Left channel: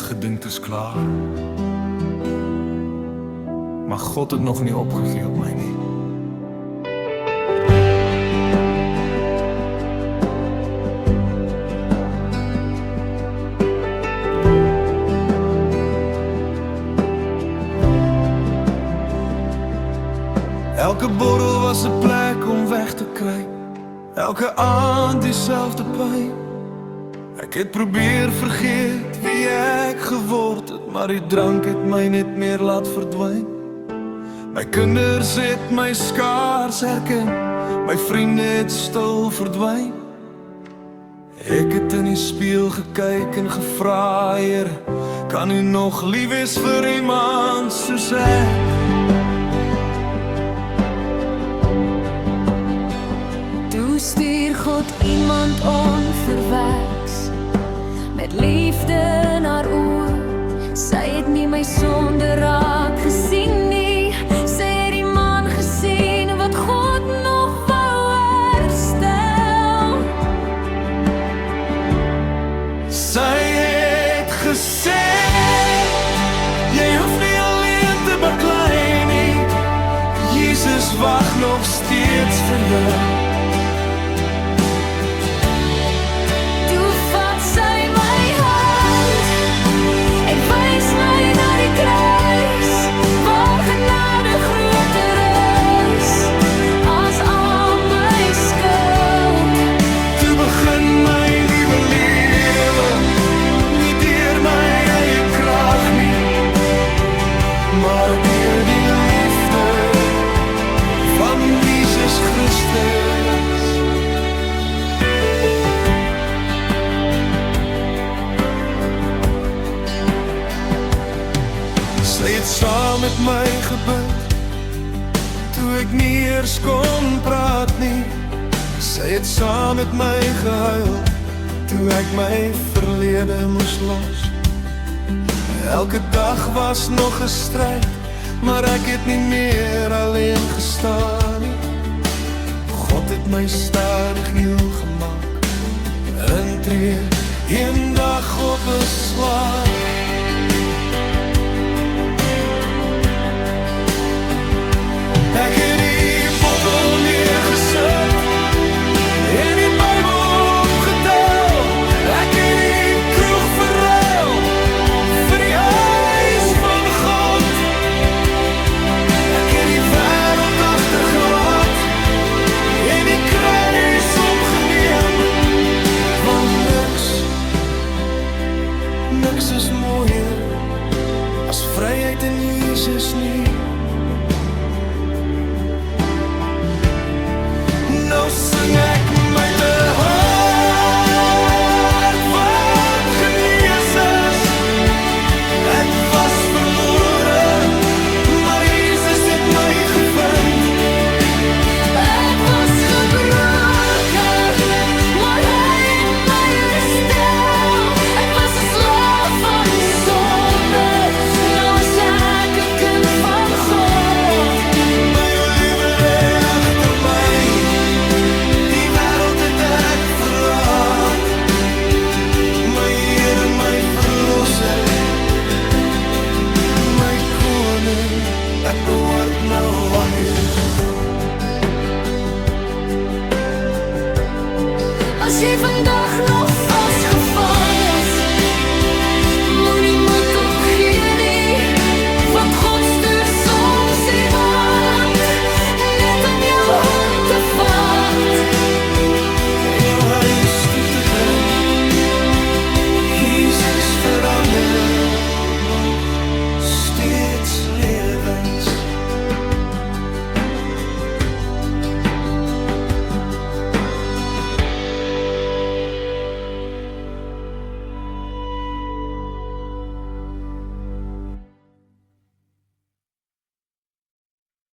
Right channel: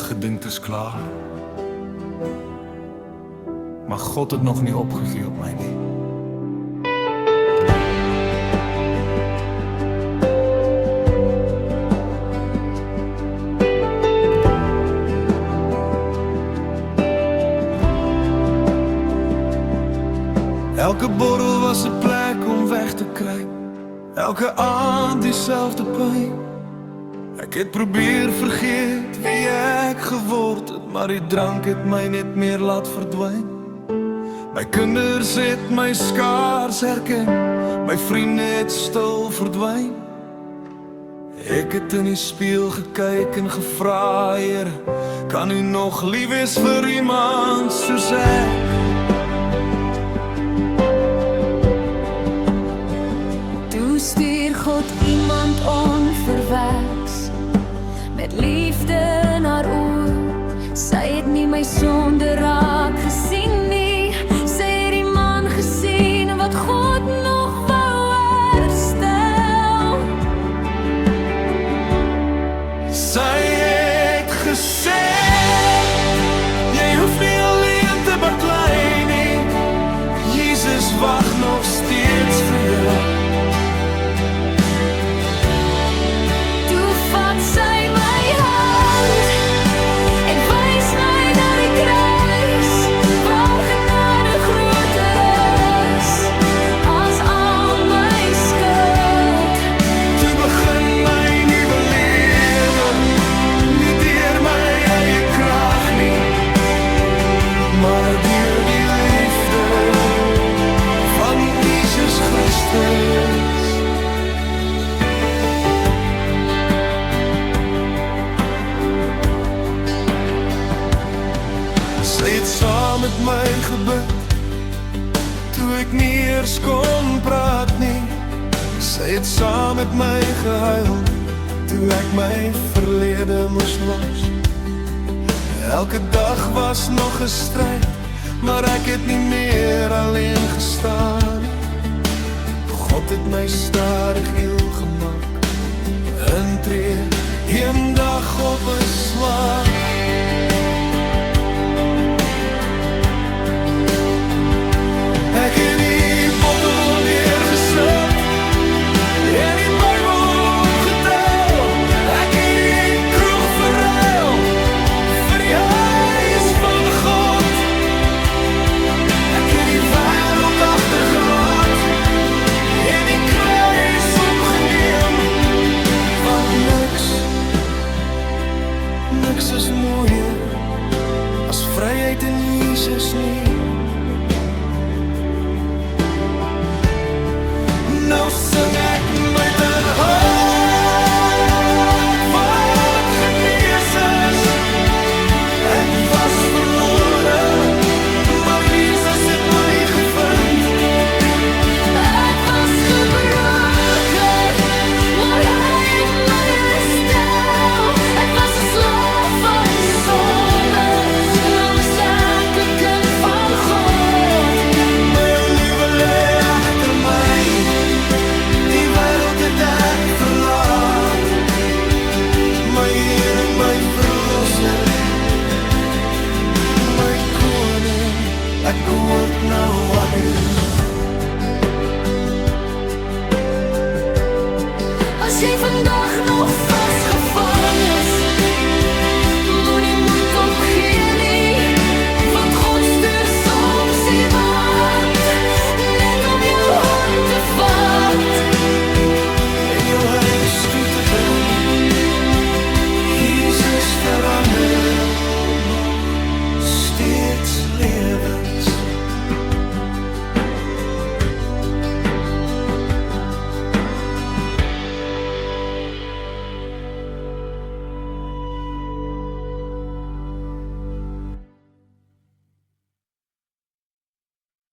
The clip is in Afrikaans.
het gedink is klaar. Maar God het nog nie opgegee op my nie. Elke borrel was 'n plek om weg te kry. Elke aand dieselfde pyn. Ek het probeer vergeet wie ek geword het, maar die drank het my net meer laat verdwyn. My kinders het my skaars herken, my vriende het stil verdwyn. Ek het in die spieël gekyk en gevra, Here, kan U nog lief wees vir iemand soos ek? Toe stuur God iemand onverweks, met liefde in haar oë. Sy het nie my sonde raak gesien nie. Sy het die man gesien wat God nog wou herstel. Sy het gesê, jy hoef nie alleen te baklei nie. Jesus wag nog steeds vir jou. Toe vat sy my hand en wys my na die kruis, waar genade groter is as al my skuld. Toe begin my nuwe lewe, nie deur my eie krag nie, maar deur die liefde van Jesus Christus. Sy het saam met my gebid, toe ek nie eers kon praat nie. Sy het saam met my gehuil, toe ek my verlede moes los. Elke dag was nog 'n stryd, maar ek het nie meer alleen gestaan nie. God het my stadig heel gemaak, intree, een dag op 'n slag. Ek het die bottel neergesit en die Bybel opgetel. Ek het die kroeg verruil vir die huis van God. Ek het die wêreld agtergelaat en die kruis opgeneem, want niks is mooier as vryheid in Jesus nie. Nou sing ek met 'n hart wat genees is. Ek was verlore, maar Jesus het my gevind. Ek was gebroken, maar hy het my herstel. Ek was 'n slaaf van sonde, nou is ek 'n kind van God. My ou liewe lê agter my, die wêreld het ek verlaat. My Here, my verlosser, my koning, ek hoort nou aan U. As jy vandag nog vasgevang is, moenie moed opgee nie, want God stuur soms iemand net om jou hand te vat en jou huis toe te bring. Jesus verander nog steeds lewens.